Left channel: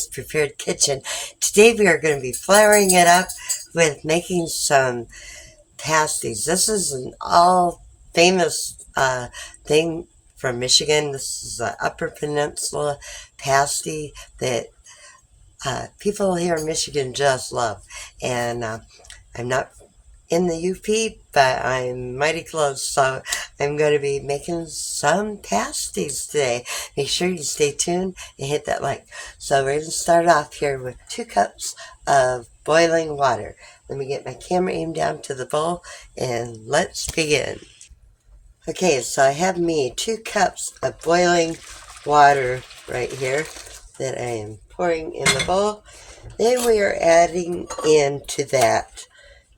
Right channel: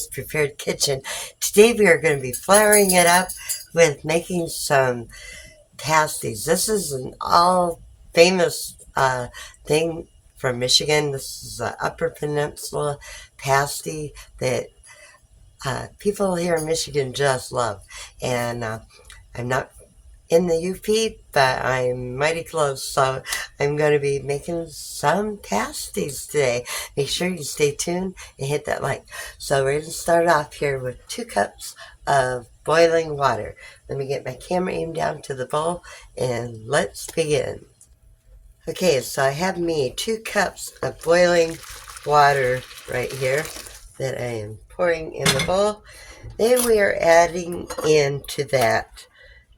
nice prepared kitchen. Today we are going to be flouring it up with making some pasties. This is an all famous thing from Michigan. This is an Upper Peninsula pasty that people here in Michigan just love. And I'm not in the UP, but I'm mighty close, so I'm going to be making some pasties today. Make sure you stay tuned and hit that like. So we're going to start off here with 2 cups of boiling water. Let me get my camera aimed down to the bowl and let's begin. Okay, so I have me 2 cups of boiling water right here that I am pouring in the bowl. Then we are adding into that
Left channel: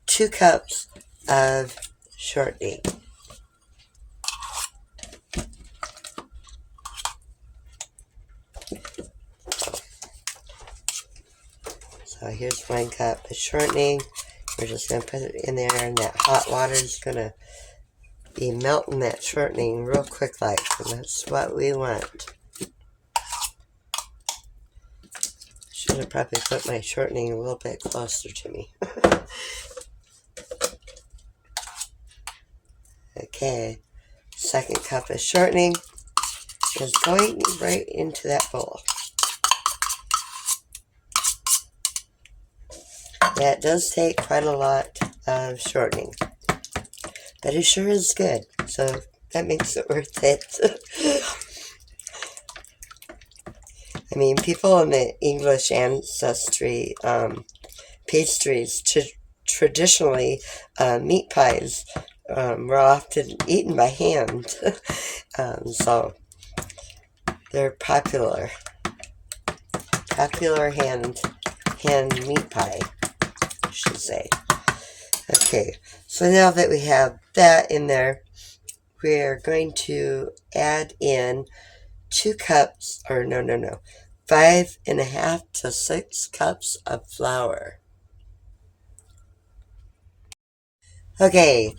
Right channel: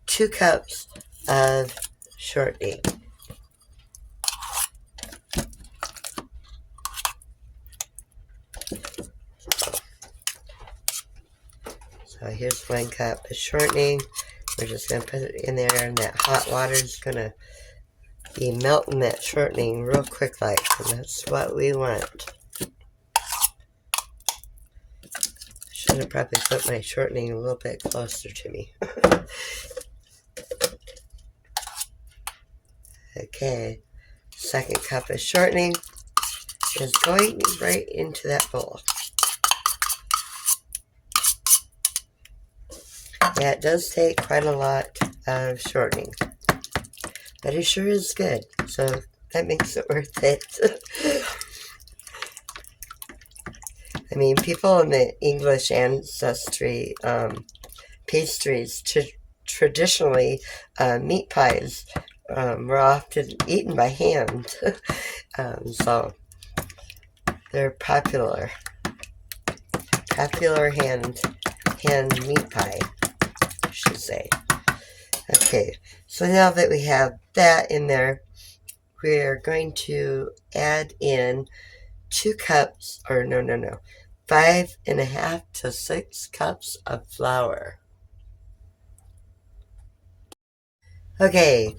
2 cups of shortening. So here's 1 cup of shortening. We're just going to put it in there, and that hot water is going to be melting that shortening real quick like. And that's what we want. Should have probably put my shortening a little bit closer to me. Okay, 2nd cup of shortening is going right into that bowl. Yeah, it does take quite a lot of shortening, but it sure is good, so that makes it worth it. I mean, people in the English ancestry pastries, traditionally meat pies, were often eaten by hand, so they're popular hand meat pie, I should say. Okay, so now that we have that in there, we are going to add in 2 cups, or no, 5.5 to 6 cups of flour. Okay,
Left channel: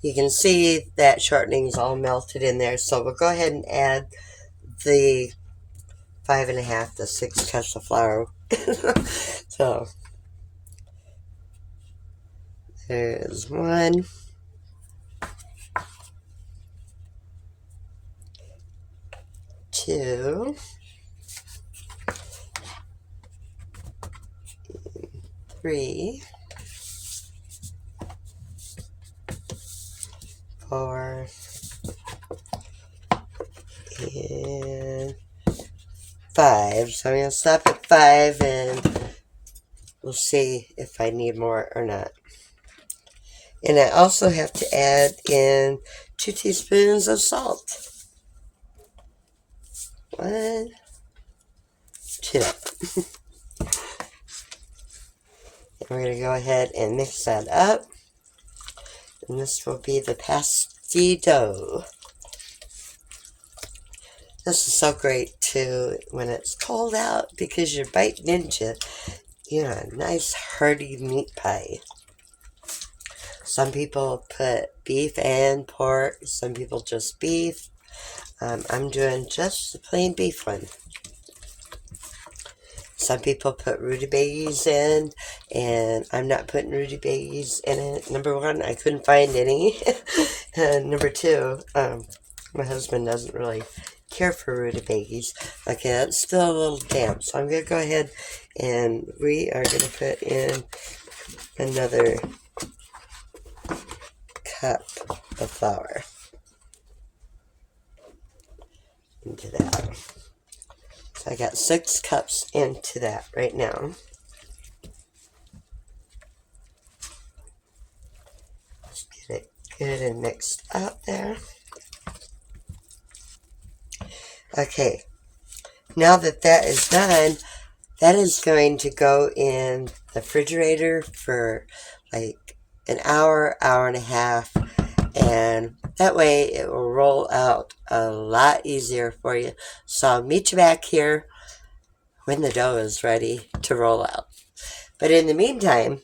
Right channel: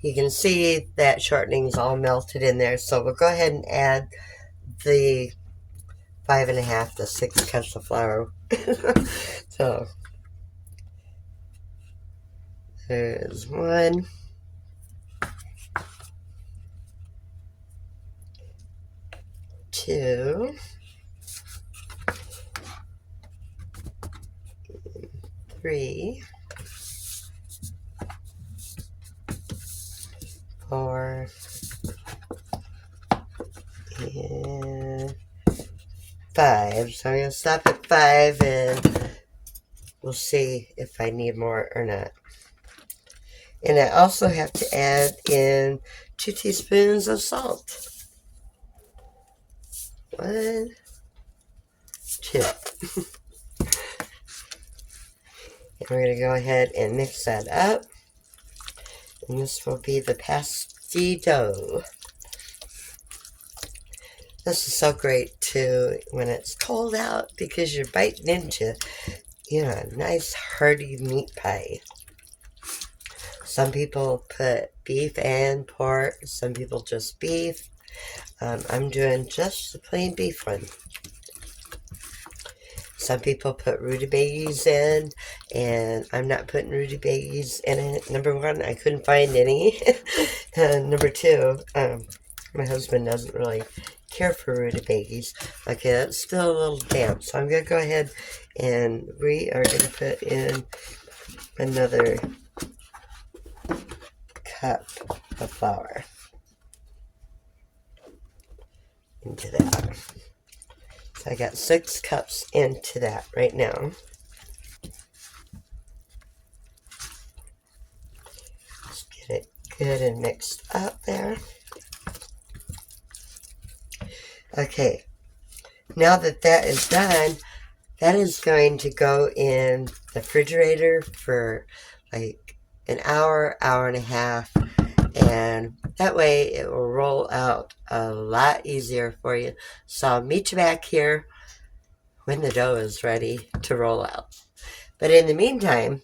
you can see that shortening is all melted in there, so we'll go ahead and add the 5.5 to 6 cups of flour. So there's 1, 2, 3, 4, and 5. So I'm going to stop at 5 and we'll see if I need more or not. And I also have to add in 2 teaspoons of salt. 1, 2. And we're going to go ahead and mix that up. And this will be the pasty dough. This is so great too when it's cold out because you're biting into, a nice hearty meat pie. Some people put beef and pork. Some people just beef. I'm doing just the plain beef one. Some people put rutabagas in, and I'm not putting rutabagas in it. Number 1, I couldn't find any. Number 2, my husband doesn't really care for rutabagas. Okay, that's still a little damp, so I'm going to go ahead and we are going to put in another cup of flour into that. So I got 6 cups into that right now. Let's get it good and mixed up there. Okay, now that that is done, that is going to go in the refrigerator for like an hour, hour and a half, and that way it will roll out a lot easier for you. So I'll meet you back here when the dough is ready to roll out. But in the meantime,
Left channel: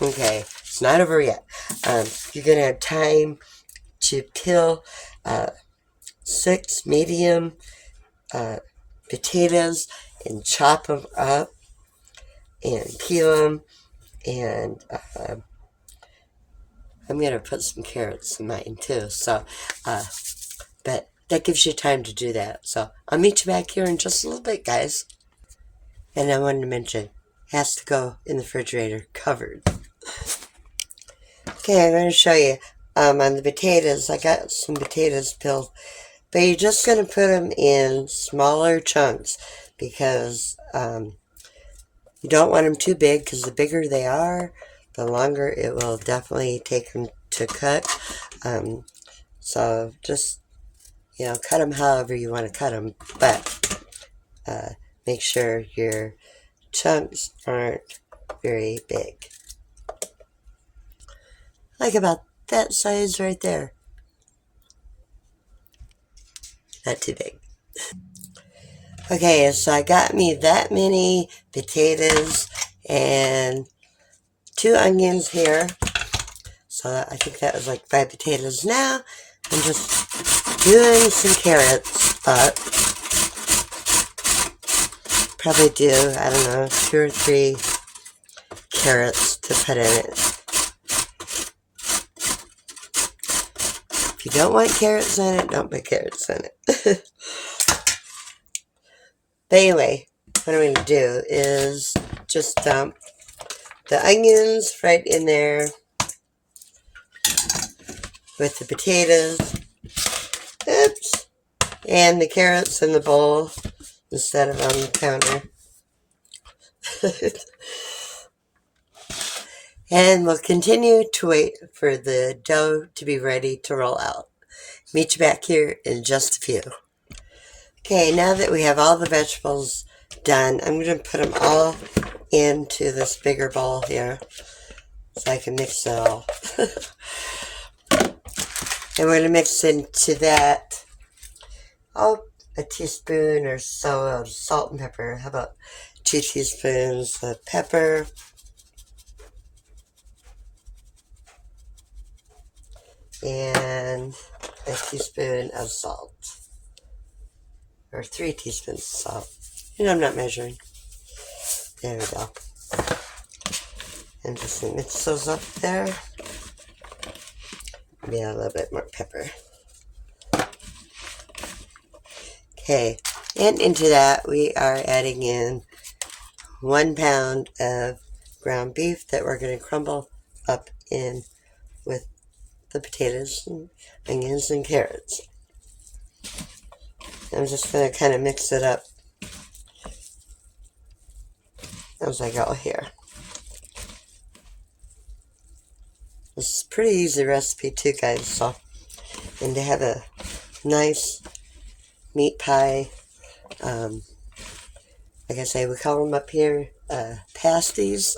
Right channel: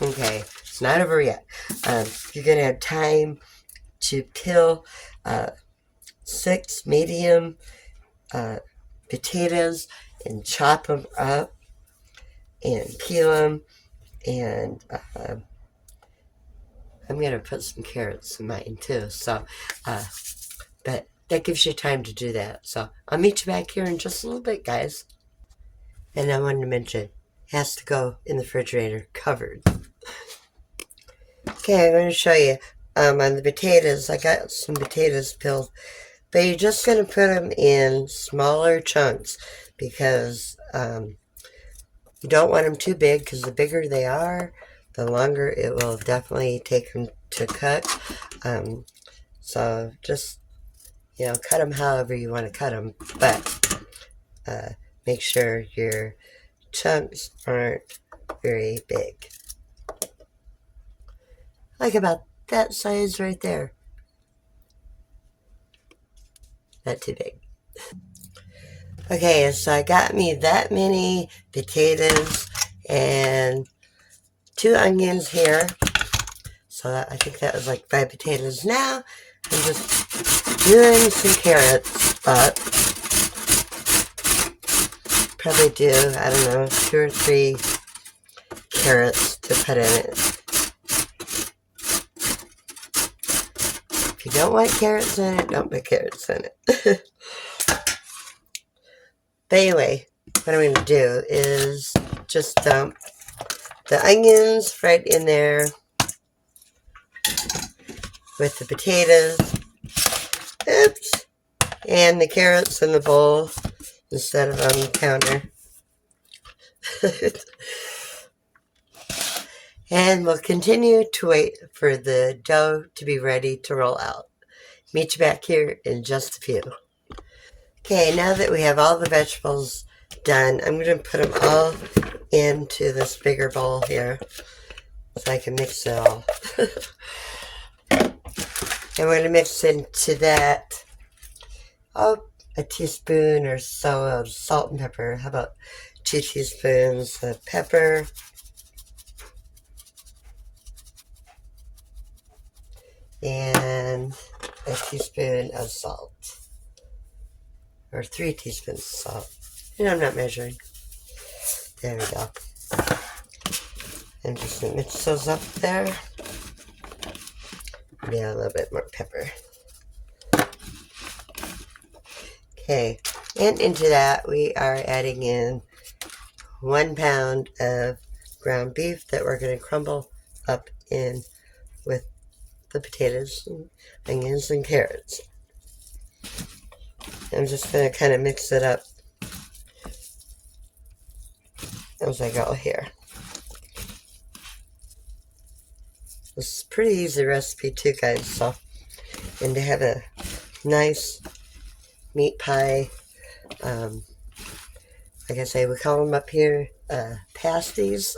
okay, it's not over yet. You're going to have time to peel 6 medium potatoes and chop them up and peel them. And I'm going to put some carrots in mine too. So, but that gives you time to do that. So I'll meet you back here in just a little bit, guys. And I wanted to mention, it has to go in the refrigerator covered. Okay, I'm going to show you on the potatoes. I got some potatoes peeled, but you're just going to put them in smaller chunks because you don't want them too big, because the bigger they are, the longer it will definitely take them to cut. So just, cut them however you want to cut them, but make sure your chunks aren't very big. Like about that size right there. Not too big. Okay, so I got me that many potatoes and 2 onions here. So I think that was like 5 potatoes. Now I'm just doing some carrots up. Probably do, I don't know, 2 or 3 carrots to put in it. If you don't want carrots in it, don't put carrots in it. But anyway, what I'm going to do is just dump the onions right in there with the potatoes. Oops. And the carrots in the bowl instead of on the counter. And we'll continue to wait for the dough to be ready to roll out. Meet you back here in just a few. Okay, now that we have all the vegetables done, I'm going to put them all into this bigger bowl here so I can mix it all. I'm going to mix into that a teaspoon or so of salt and pepper. How about 2 teaspoons of pepper? And a teaspoon of salt. Or 3 teaspoons of salt. And I'm not measuring. There we go. And just mix those up there. Yeah, a little bit more pepper. Okay, and into that we are adding in 1 pound of ground beef that we're going to crumble up in with the potatoes and onions and carrots. I'm just going to kind of mix it up as I go here. This is a pretty easy recipe too, guys. So, and to have a nice meat pie, like I say, we call them up here pasties,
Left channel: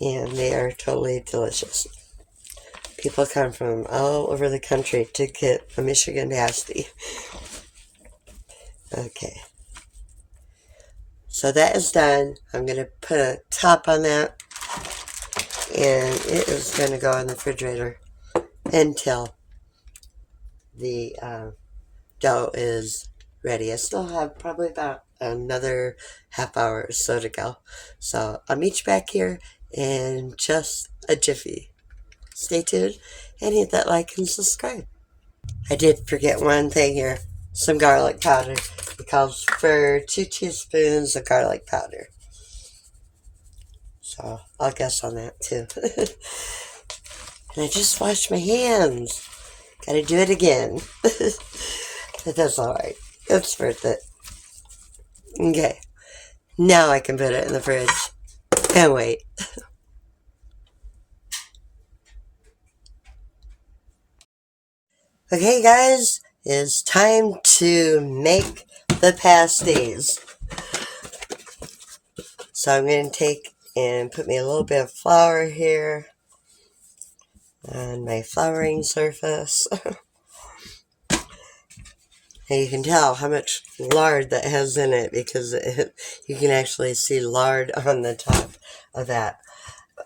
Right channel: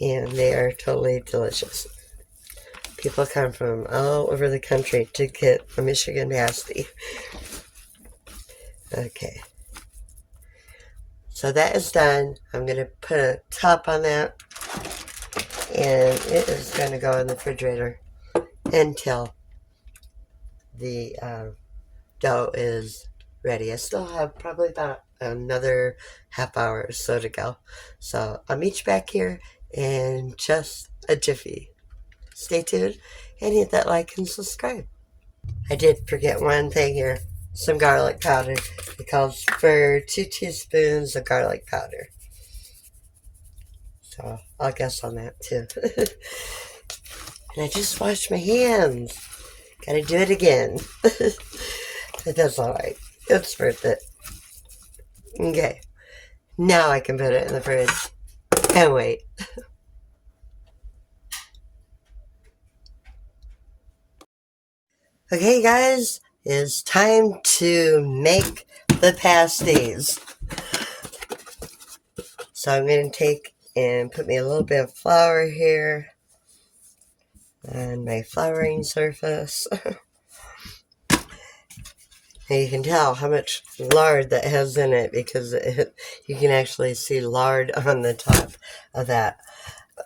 and they are totally delicious. People come from all over the country to get a Michigan pasty. Okay. So that is done. I'm going to put a top on that. And it is going to go in the refrigerator until the dough is ready. I still have probably about another half hour or so to go. So I'll meet you back here in just a jiffy. Stay tuned and hit that like and subscribe. I did forget one thing here. Some garlic powder. It calls for 2 teaspoons of garlic powder. So I'll guess on that too. And I just washed my hands. Gotta do it again. But that's alright. It's worth it. Okay. Now I can put it in the fridge and wait. Okay, guys, it's time to make the pasties. So I'm going to take and put me a little bit of flour here on my flouring surface. And you can tell how much lard that has in it because you can actually see lard on the top of that.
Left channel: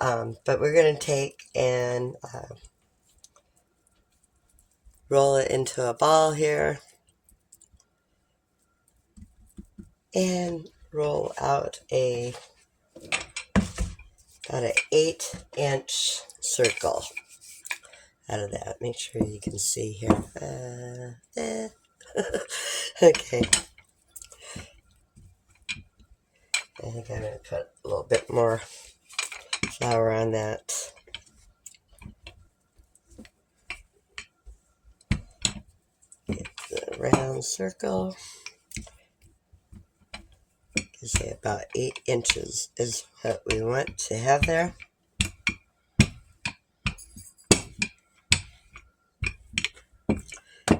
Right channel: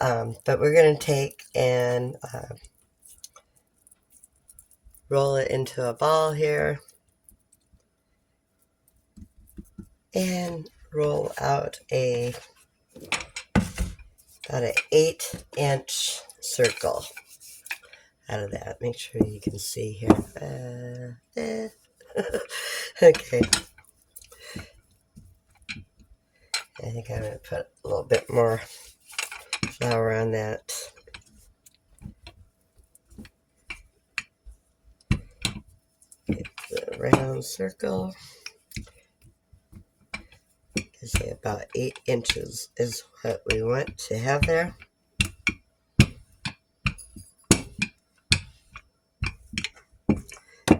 But we're going to take and roll it into a ball here. and roll out about an 8-inch circle out of that. Make sure you can see here. Okay. I think I'm going to put a little bit more flour on that. Get the round circle. I say about 8 inches is what we want to have there.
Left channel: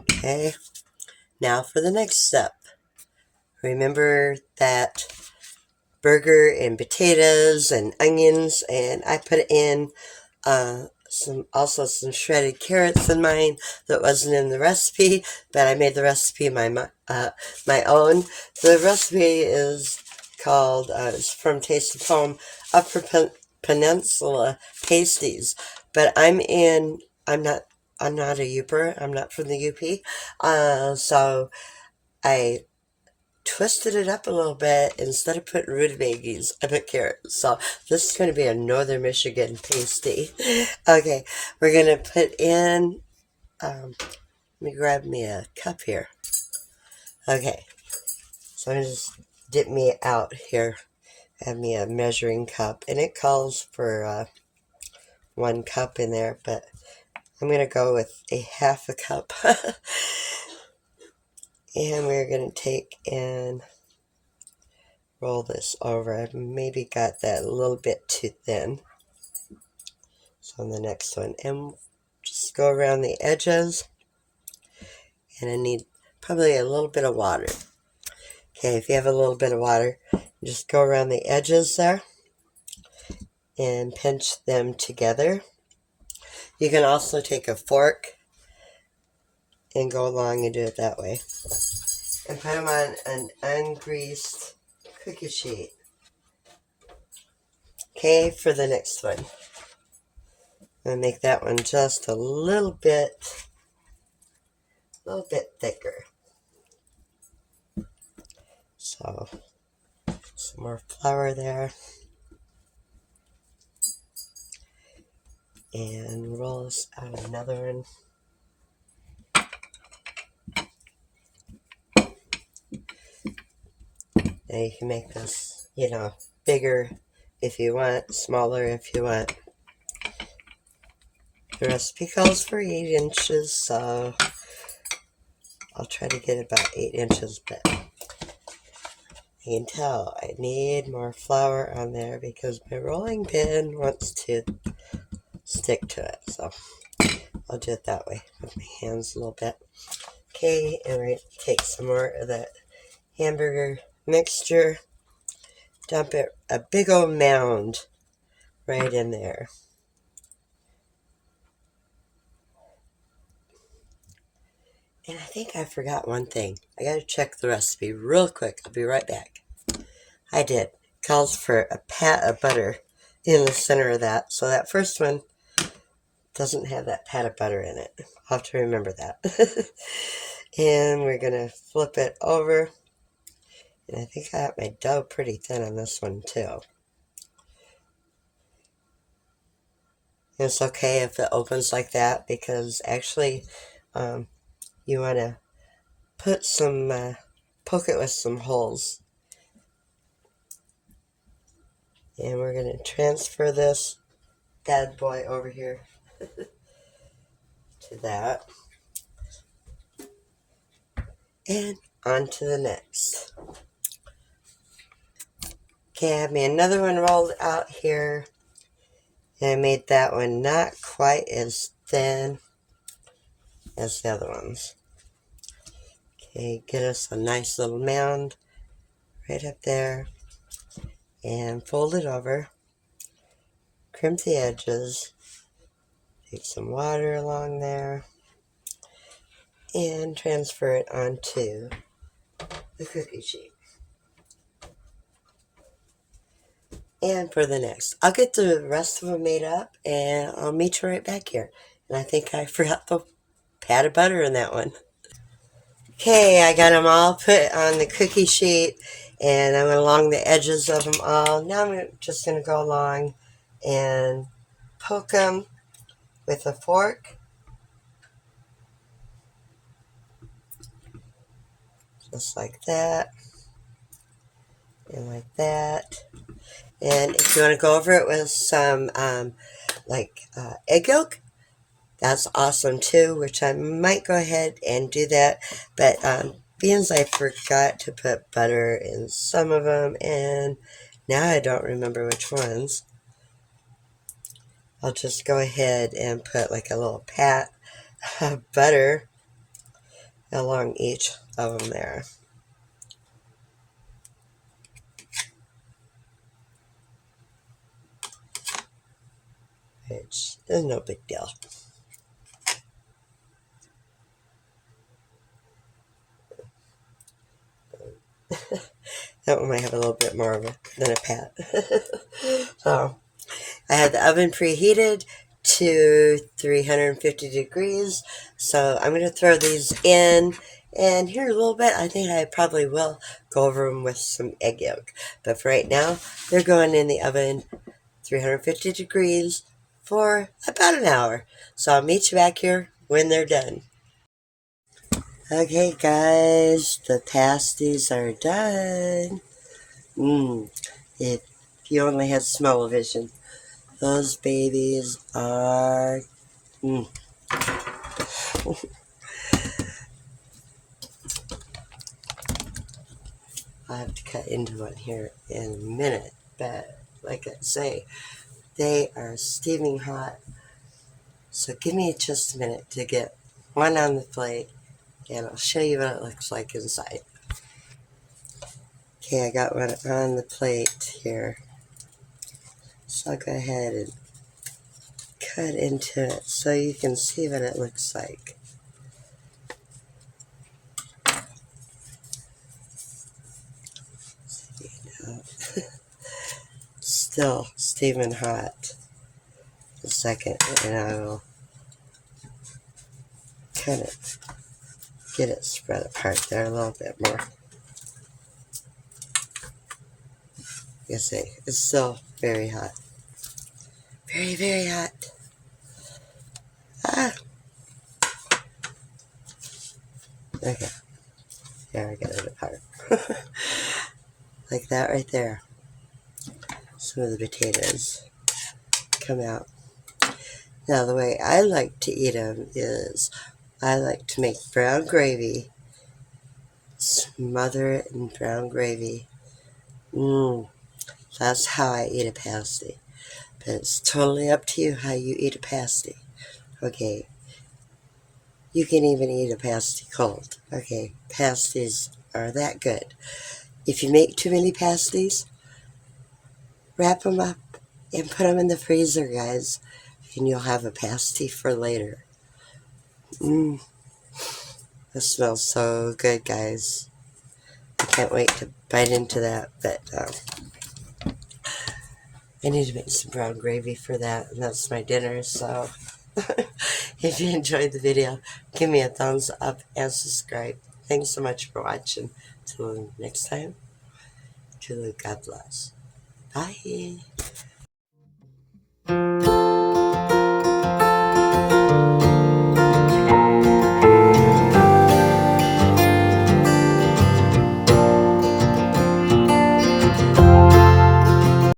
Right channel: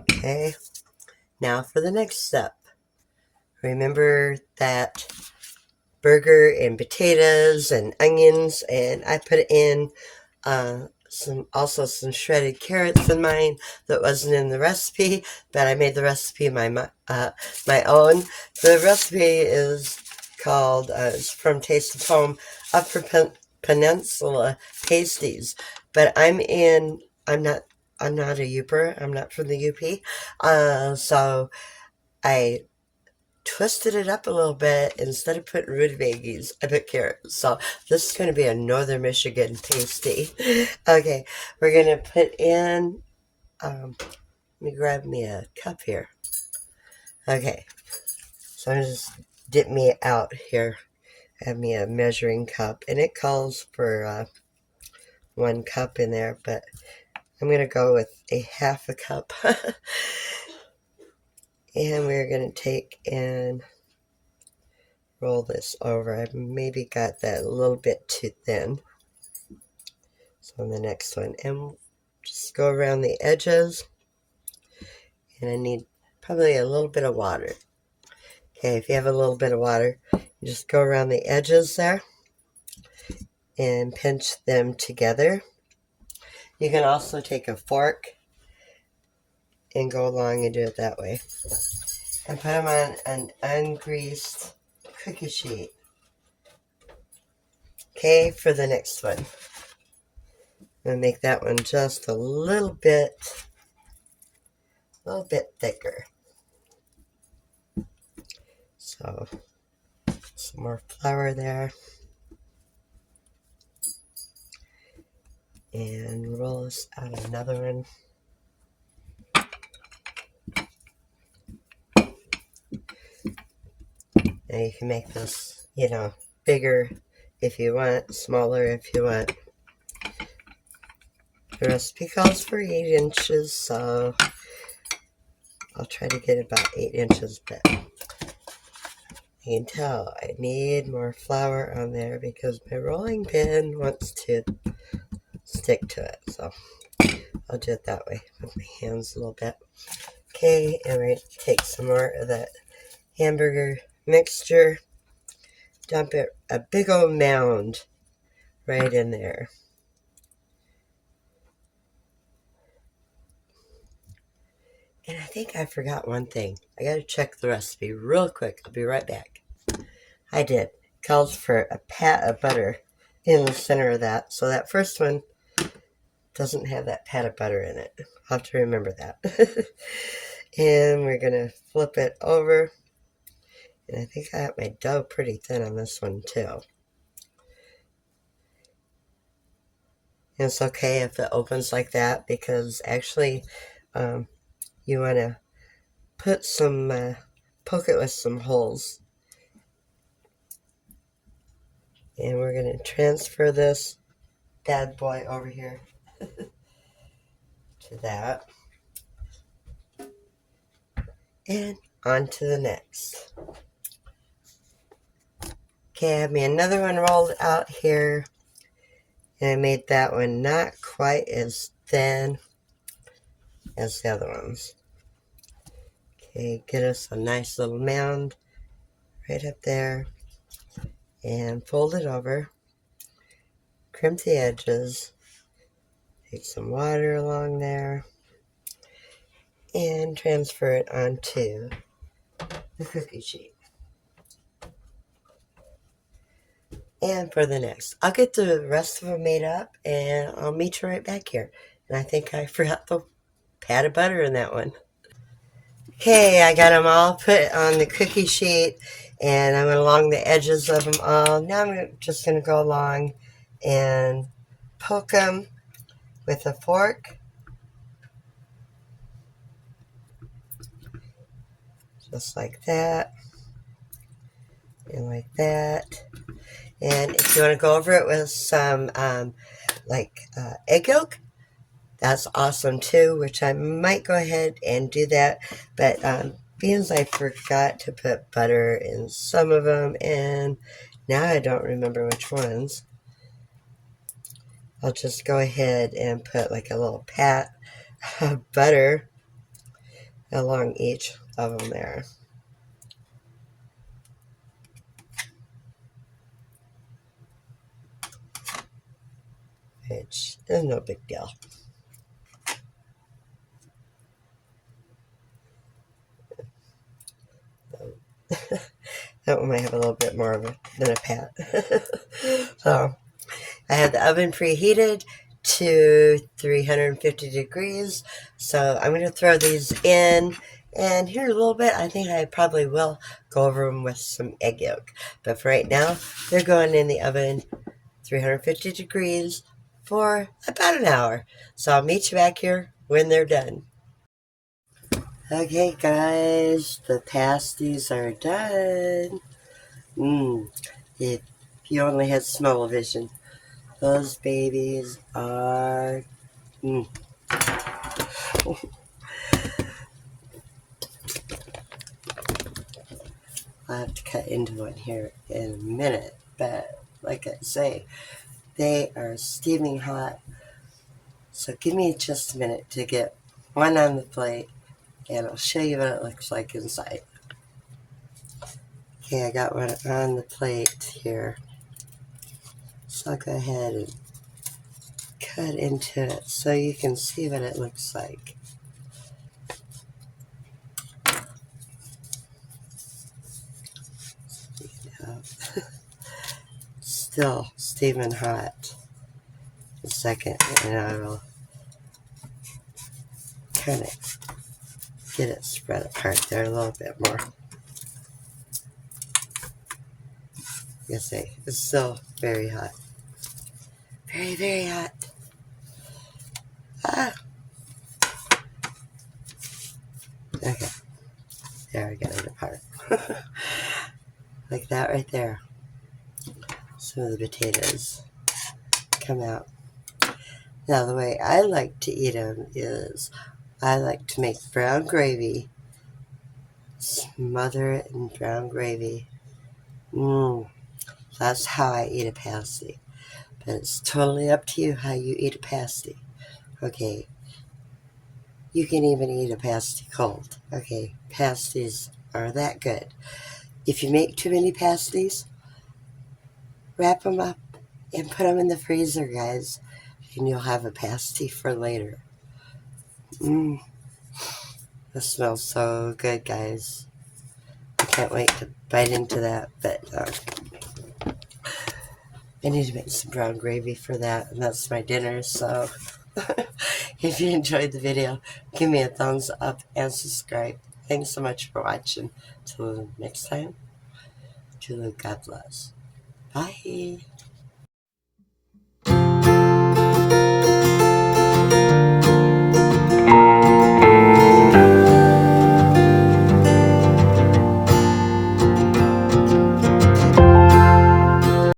Okay, now for the next step. Remember that burger and potatoes and onions, and I put in some shredded carrots in mine that wasn't in the recipe, but I made the recipe my own. The recipe is called it's from Taste of Home Upper Peninsula Pasties, but I'm not a Youper. I'm not from the UP, so I twisted it up a little bit. Instead of putting rutabagas, I put carrots. So this is going to be a Northern Michigan pasty. Okay, we're going to put in, let me grab me a cup here. Okay, so I'm just dip me out here. Have me a measuring cup, and it calls for 1 cup in there, but I'm going to go with a half a cup. And we're going to take and roll this over. I maybe got that a little bit too thin. So on the next one, and just go around the edges, and I need probably a little bit of water. Okay, if you have a little bit of water, just go around the edges there and pinch them together. You can also take a fork and go along and do it that way. And put them on an ungreased cookie sheet. Okay, for the next one. I'm gonna make that one just a little bit thicker. So, some more flour there. And roll this out another one. Now you can make this, bigger if you want, smaller if you want. The recipe calls for 8 inches, so I'll try to get about 8 inches, but you can tell I need more flour on there because my rolling pin wants to stick to it, so I'll do it that way with my hands a little bit. Okay, and we're going to take some more of that hamburger mixture, dump it, a big old mound right in there. And I think I forgot one thing. I gotta check the recipe real quick. I'll be right back. I did. It calls for a pat of butter in the center of that. So that first one doesn't have that pat of butter in it. I'll have to remember that. And we're gonna flip it over. And I think I got my dough pretty thin on this one too. And it's okay if it opens like that because actually you want to put some, poke it with some holes. And we're going to transfer this bad boy over here to that. And on to the next. Okay, I have me another one rolled out here. And I made that one not quite as thin as the other ones. Okay, get us a nice little mound right up there. And fold it over. Crimp the edges. Take some water along there. And transfer it onto the cookie sheet. And for the next, I'll get the rest of them made up and I'll meet you right back here. And I think I forgot the pat of butter in that one. Okay, I got them all put on the cookie sheet and I went along the edges of them all. Now I'm just going to go along and poke them with a fork, just like that, and like that. And if you want to go over it with some egg yolk, that's awesome too, which I might go ahead and do that. But being I forgot to put butter in some of them, and now I don't remember which ones, I'll just go ahead and put like a little pat of butter along each of them there. Which is no big deal. That one might have a little bit more of it than a pat. So I had the oven preheated to 350 degrees. So I'm going to throw these in. And here in a little bit, I think I probably will go over them with some egg yolk. But for right now, they're going in the oven 350 degrees for about an hour. So I'll meet you back here when they're done. Okay, guys, the pasties are done. If you only had smell-o-vision, those babies are. I'll have to cut into one here in a minute, but like I say, they are steaming hot. So give me just a minute to get one on the plate, and I'll show you what it looks like inside. Okay, I got one on the plate here. So I'll go ahead and cut into it so you can see what it looks like. Still steaming hot. A second, and I will kind of get it spread apart there a little bit more. Like I say, it's still very hot. Very, very hot. Okay. There, I got it apart. Like that right there. Some of the potatoes come out. Now, the way I like to eat them is I like to make brown gravy, smother it in brown gravy. That's how I eat a pasty. But it's totally up to you how you eat a pasty. Okay. You can even eat a pasty cold. Okay. Pasties are that good. If you make too many pasties, wrap them up and put them in the freezer, guys. And you'll have a pasty for later. It smells so good, guys. I can't wait to bite into that. But I need to make some brown gravy for that, and that's my dinner. So if you enjoyed the video, give me a thumbs up and subscribe. Thanks so much for watching. Till next time, God bless. Bye.